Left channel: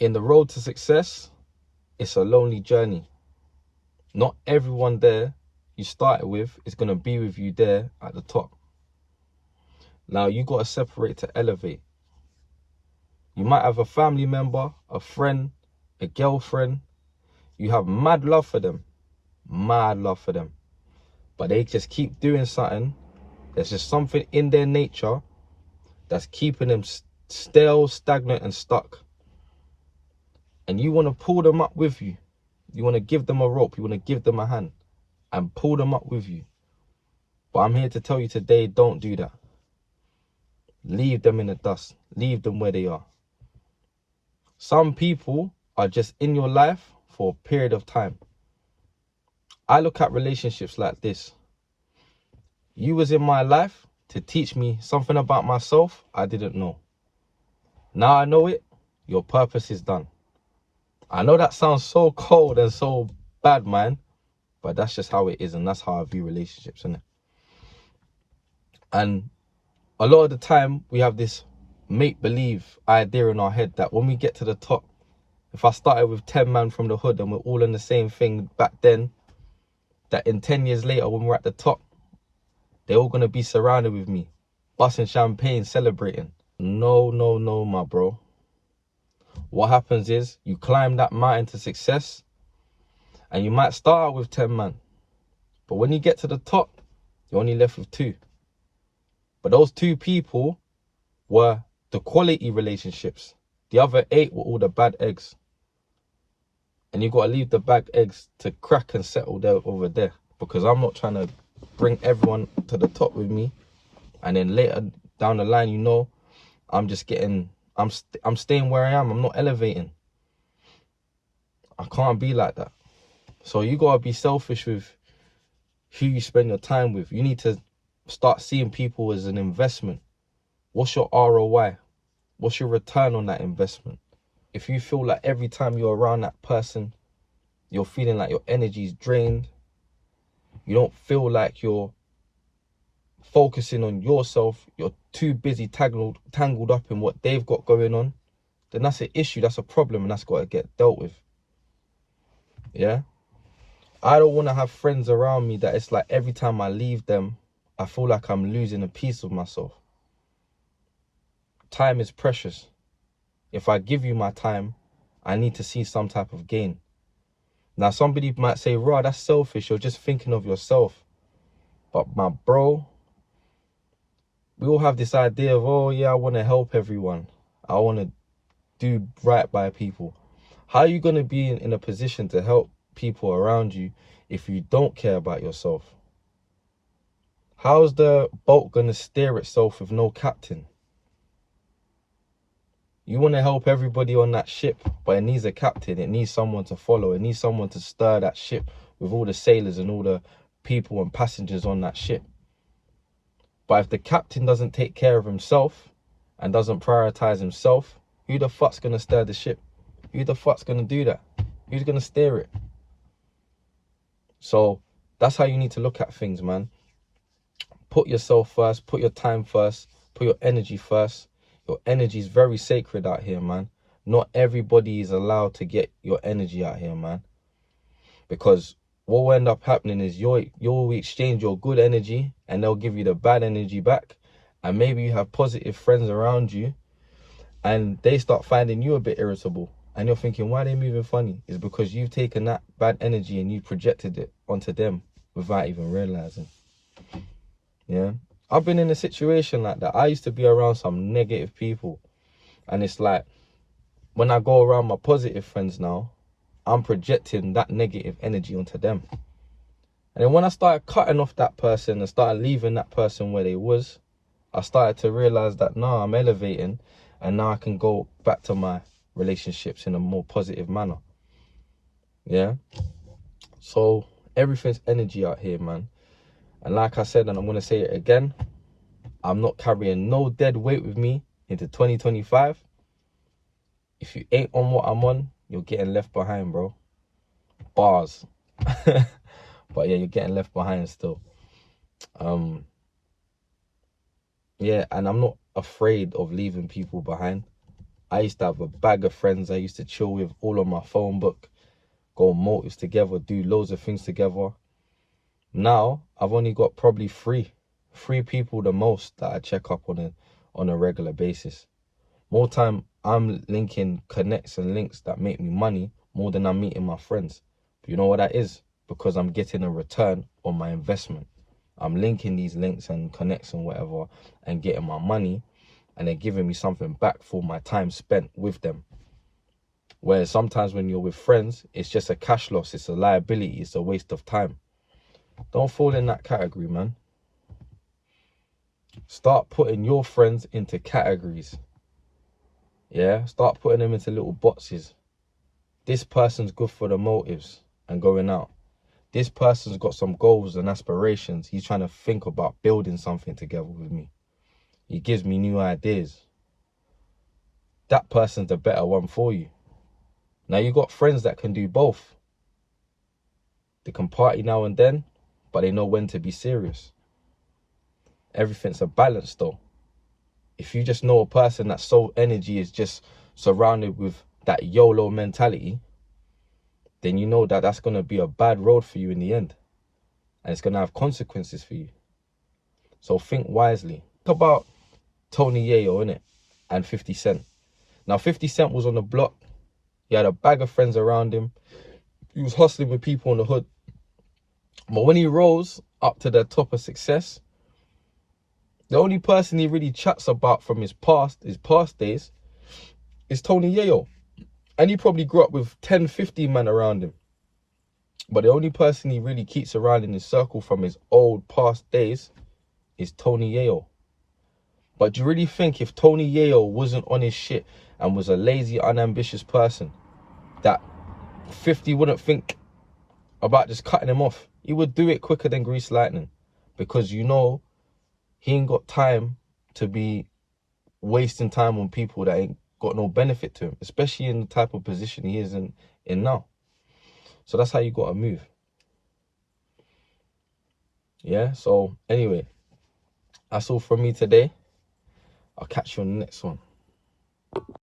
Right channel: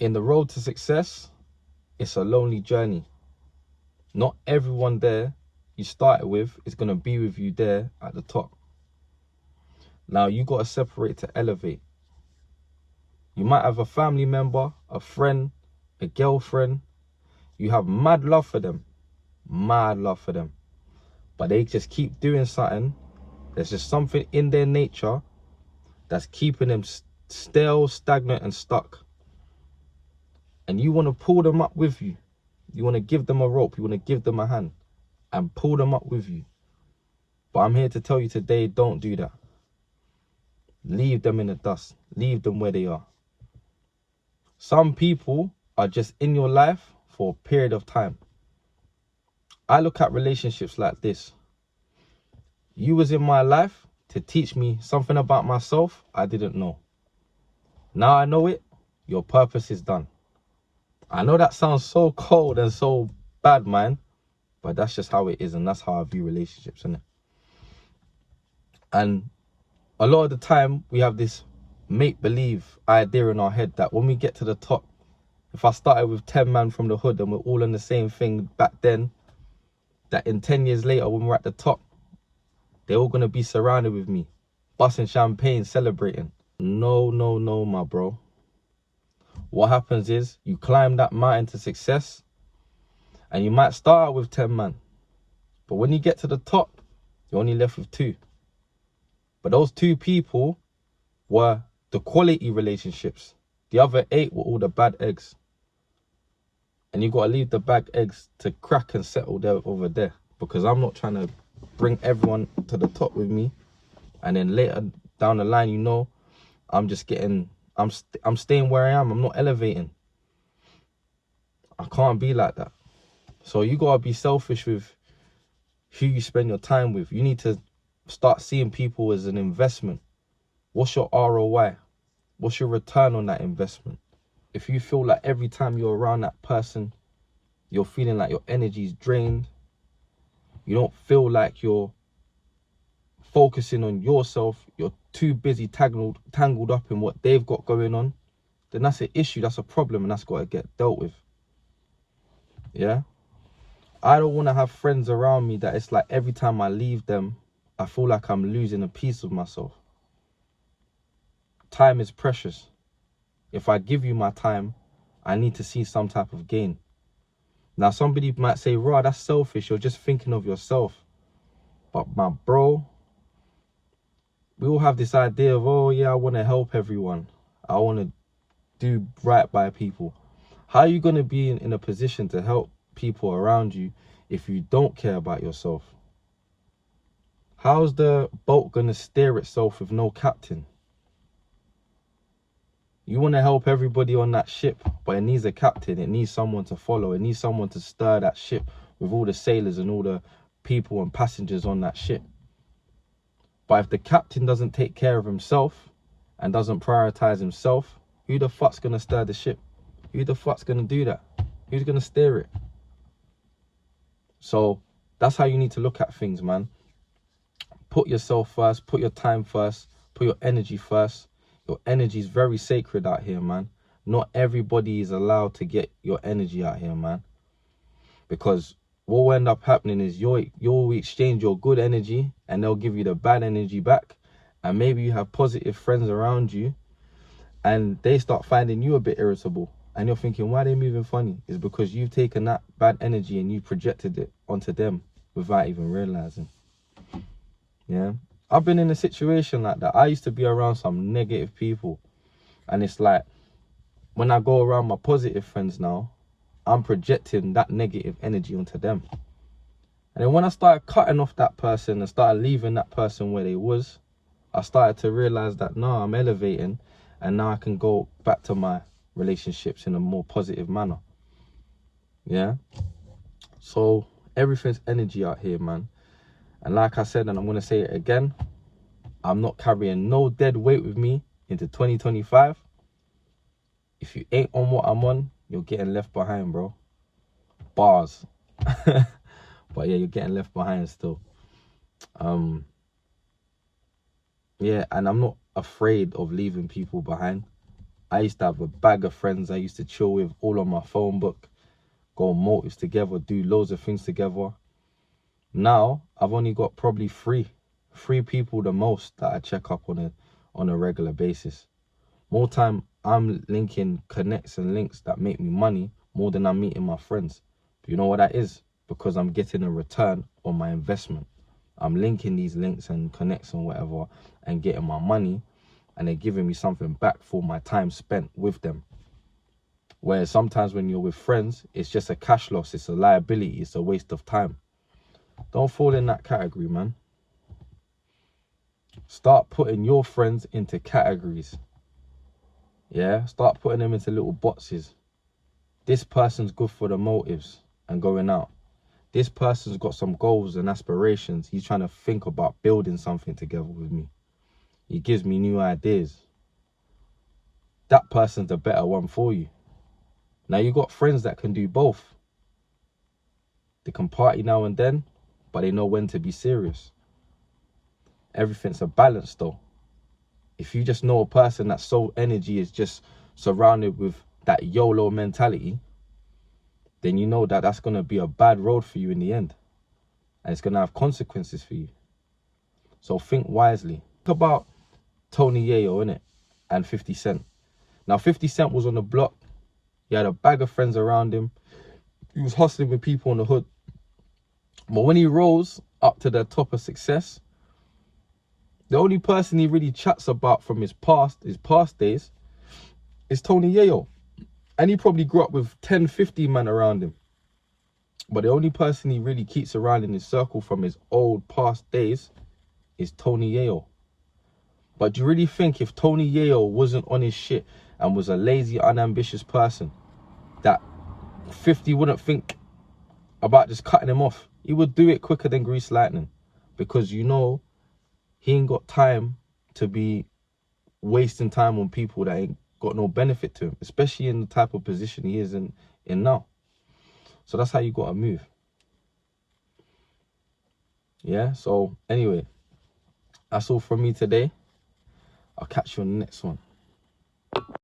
In the road to success, it's a lonely journey. Not everyone there you started with is going to be with you there at the top. Now, you got to separate to elevate. You might have a family member, a friend, a girlfriend. You have mad love for them. Mad love for them. But they just keep doing something. There's just something in their nature that's keeping them stale, stagnant, and stuck. And you want to pull them up with you. You want to give them a rope. You want to give them a hand and pull them up with you. But I'm here to tell you today, don't do that. Leave them in the dust. Leave them where they are. Some people are just in your life for a period of time. I look at relationships like this. You was in my life to teach me something about myself I didn't know. Now I know it, your purpose is done. I know that sounds so cold and so bad, man, but that's just how it is, and that's how I view relationships, isn't it? And a lot of the time, we have this make-believe idea in our head that when we get to the top, if I started with 10 men from the hood and we're all in the same thing back then, that in 10 years later, when we're at the top, they're all going to be surrounded with me, busting champagne, celebrating. No, no, no, my bro. What happens is you climb that mountain to success and you might start out with 10 men. But when you get to the top, you're only left with 2. But those 2 people were the quality relationships. The other 8 were all the bad eggs. And you got to leave the bad eggs to crack and settle there over there. Because I'm not trying to bring everyone to the top with me. And then later down the line, you know, I'm just getting, I'm staying where I am. I'm not elevating. I can't be like that. So you got to be selfish with who you spend your time with. You need to start seeing people as an investment. What's your ROI? What's your return on that investment? If you feel like every time you're around that person, you're feeling like your energy is drained, you don't feel like you're focusing on yourself, you're too busy tangled up in what they've got going on, then that's an issue, that's a problem, and that's got to get dealt with. Yeah? I don't want to have friends around me that it's like every time I leave them, I feel like I'm losing a piece of myself. Time is precious. If I give you my time, I need to see some type of gain. Now, somebody might say, "Raw, that's selfish. You're just thinking of yourself." But my bro, we all have this idea of, oh yeah, I want to help everyone. I want to do right by people. How are you going to be in a position to help people around you if you don't care about yourself? How's the boat going to steer itself with no captain? You want to help everybody on that ship, but it needs a captain. It needs someone to follow. It needs someone to stir that ship with all the sailors and all the people and passengers on that ship. But if the captain doesn't take care of himself and doesn't prioritize himself, who the fuck's going to stir the ship? Who the fuck's going to do that? Who's going to steer it? So that's how you need to look at things, man. Put yourself first, put your time first, put your energy first. Your energy is very sacred out here, man. Not everybody is allowed to get your energy out here, man. Because what will end up happening is you'll exchange your good energy and they'll give you the bad energy back. And maybe you have positive friends around you and they start finding you a bit irritable. And you're thinking, why are they moving funny? It's because you've taken that bad energy and you projected it onto them without even realizing. Yeah. I've been in a situation like that. I used to be around some negative people. And it's like, when I go around my positive friends now, I'm projecting that negative energy onto them. And then when I started cutting off that person and started leaving that person where they was, I started to realize that now I'm elevating and now I can go back to my relationships in a more positive manner. Yeah. So everything's energy out here, man. And like I said, and I'm going to say it again, I'm not carrying no dead weight with me into 2025. If you ain't on what I'm on, you're getting left behind, bro. Bars. But yeah, you're getting left behind still. Yeah, and I'm not afraid of leaving people behind. I used to have a bag of friends I used to chill with, all on my phone book, go on motives together, do loads of things together. Now I've only got probably three people the most that I check up on a regular basis. More time I'm linking connects and links that make me money more than I'm meeting my friends. But you know what that is? Because I'm getting a return on my investment. I'm linking these links and connects and whatever and getting my money, and they're giving me something back for my time spent with them. Whereas sometimes when you're with friends, it's just a cash loss, it's a liability, it's a waste of time. Don't fall in that category, man. Start putting your friends into categories. Yeah, start putting them into little boxes. This person's good for the motives and going out. This person's got some goals and aspirations. He's trying to think about building something together with me. He gives me new ideas. That person's the better one for you. Now you got friends that can do both. They can party now and then, but they know when to be serious. Everything's a balance though. If you just know a person that's so energy is just surrounded with that YOLO mentality, then you know that that's going to be a bad road for you in the end. And it's going to have consequences for you. So think wisely. Talk about Tony Yayo, innit? And 50 Cent. Now 50 Cent was on the block. He had a bag of friends around him. He was hustling with people in the hood. But when he rose up to the top of success, the only person he really chats about from his past days, is Tony Yayo. And he probably grew up with 10, 15 men around him. But the only person he really keeps around in his circle from his old past days is Tony Yayo. But do you really think if Tony Yayo wasn't on his shit and was a lazy, unambitious person, that 50 wouldn't think about just cutting him off? He would do it quicker than grease lightning, because you know he ain't got time to be wasting time on people that ain't got no benefit to him, especially in the type of position he is in now. So that's how you got to move. Yeah, so anyway, that's all from me today. I'll catch you on the next one.